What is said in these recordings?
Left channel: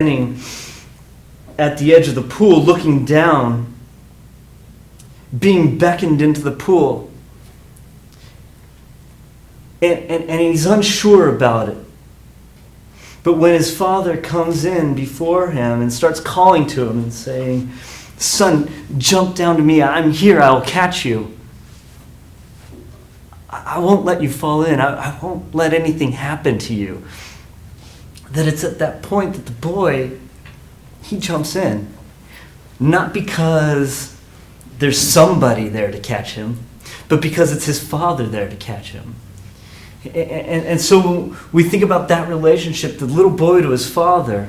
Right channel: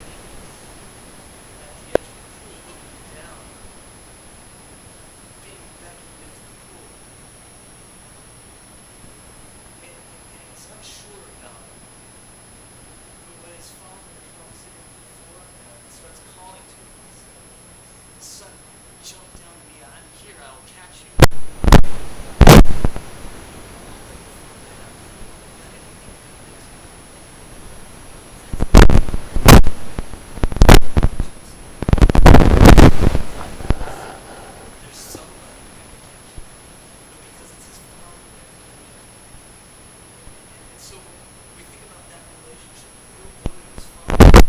standing at the edge of the pool, looking down, being beckoned into the pool. And he's unsure about it. But when his father comes in before him and starts calling to him and saying, "Son, jump down to me. I'm here. I will catch you. I won't let you fall in. I won't let anything happen to you." That it's at that point that the boy, he jumps in. Not because there's somebody there to catch him, but because it's his father there to catch him. And so we think about that relationship, the little boy to his father,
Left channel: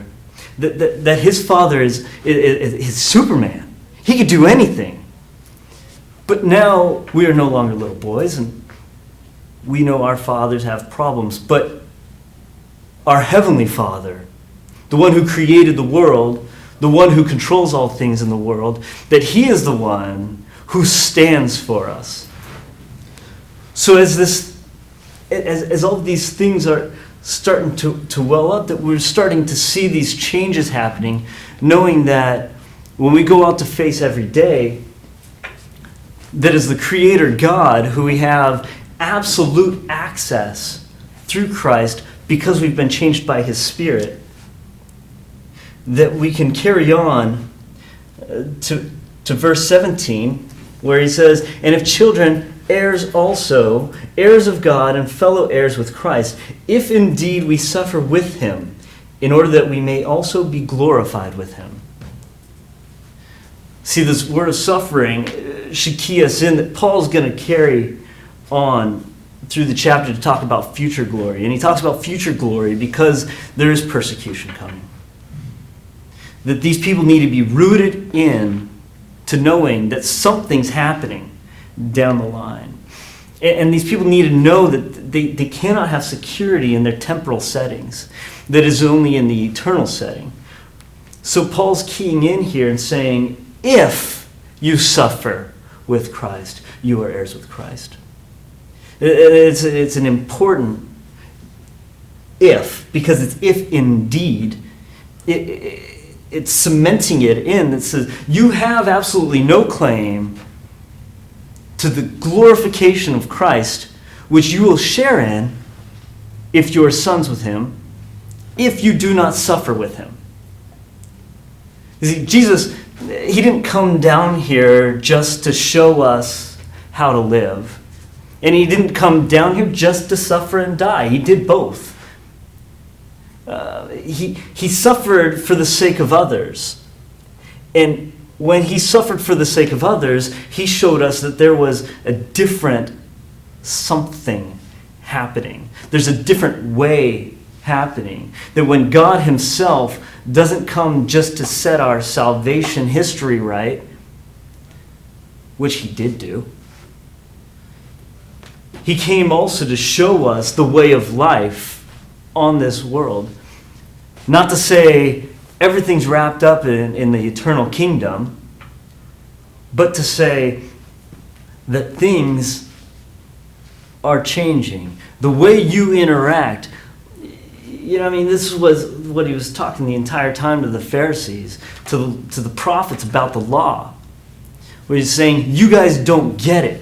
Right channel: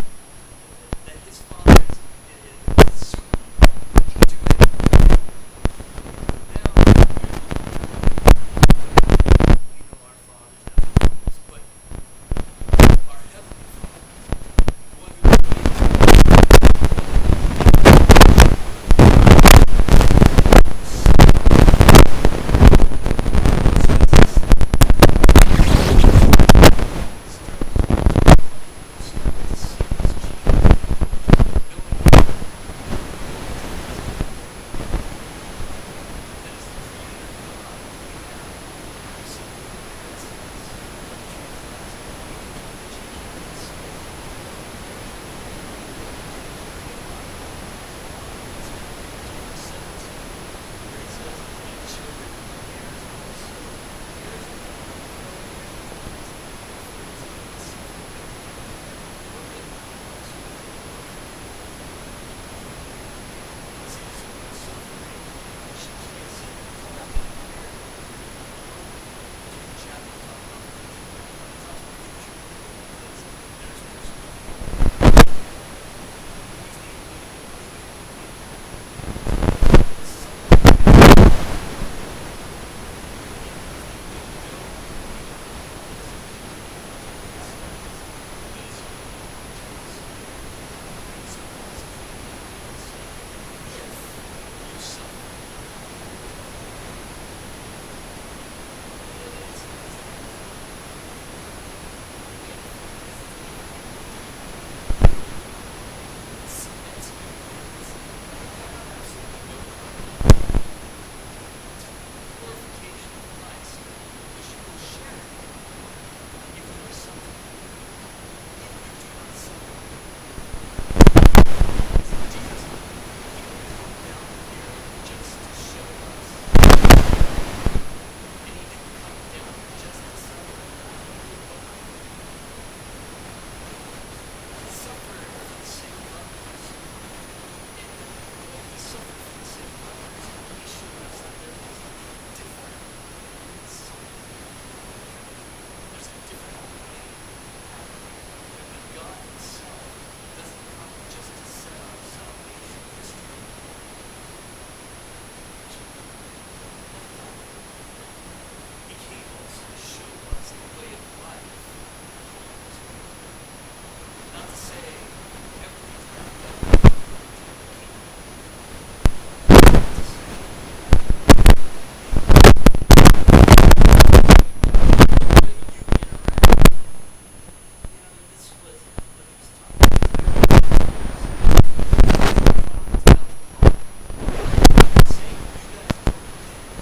that his father is Superman. He could do anything. But now we are no longer little boys, and we know our fathers have problems. But our Heavenly Father, the one who created the world, the one who controls all things in the world, that He is the one who stands for us. So as all these things are starting to well up, that we're starting to see these changes happening, knowing that when we go out to face every day, that is the Creator God who we have absolute access through Christ because we've been changed by His Spirit, that we can carry on to verse 17, where he says, "And if children, heirs also, heirs of God and fellow heirs with Christ, if indeed we suffer with Him, in order that we may also be glorified with Him." See, this word of suffering should key us in that Paul's going to carry on through the chapter to talk about future glory. And he talks about future glory because there is persecution coming. That these people need to be rooted in to knowing that something's happening down the line. And these people need to know that they cannot have security in their temporal settings. That is only in the eternal setting. So Paul's keying in here and saying, if you suffer with Christ, you are heirs with Christ. It's an important if, because it's if indeed. It's cementing it in that says you have absolutely no claim to the glorification of Christ, which you will share in if you are sons with Him, if you do not suffer with Him. You see, Jesus, He didn't come down here just to show us how to live. And He didn't come down here just to suffer and die. He did both. He suffered for the sake of others. And when He suffered for the sake of others, He showed us that there was a different something happening. There's a different way happening. That when God Himself doesn't come just to set our salvation history right, which He did do, He came also to show us the way of life on this world. Not to say everything's wrapped up in the eternal kingdom, but to say that things are changing. The way you interact, this was what He was talking the entire time to the Pharisees, to the prophets about the law, where He's saying, you guys don't get it.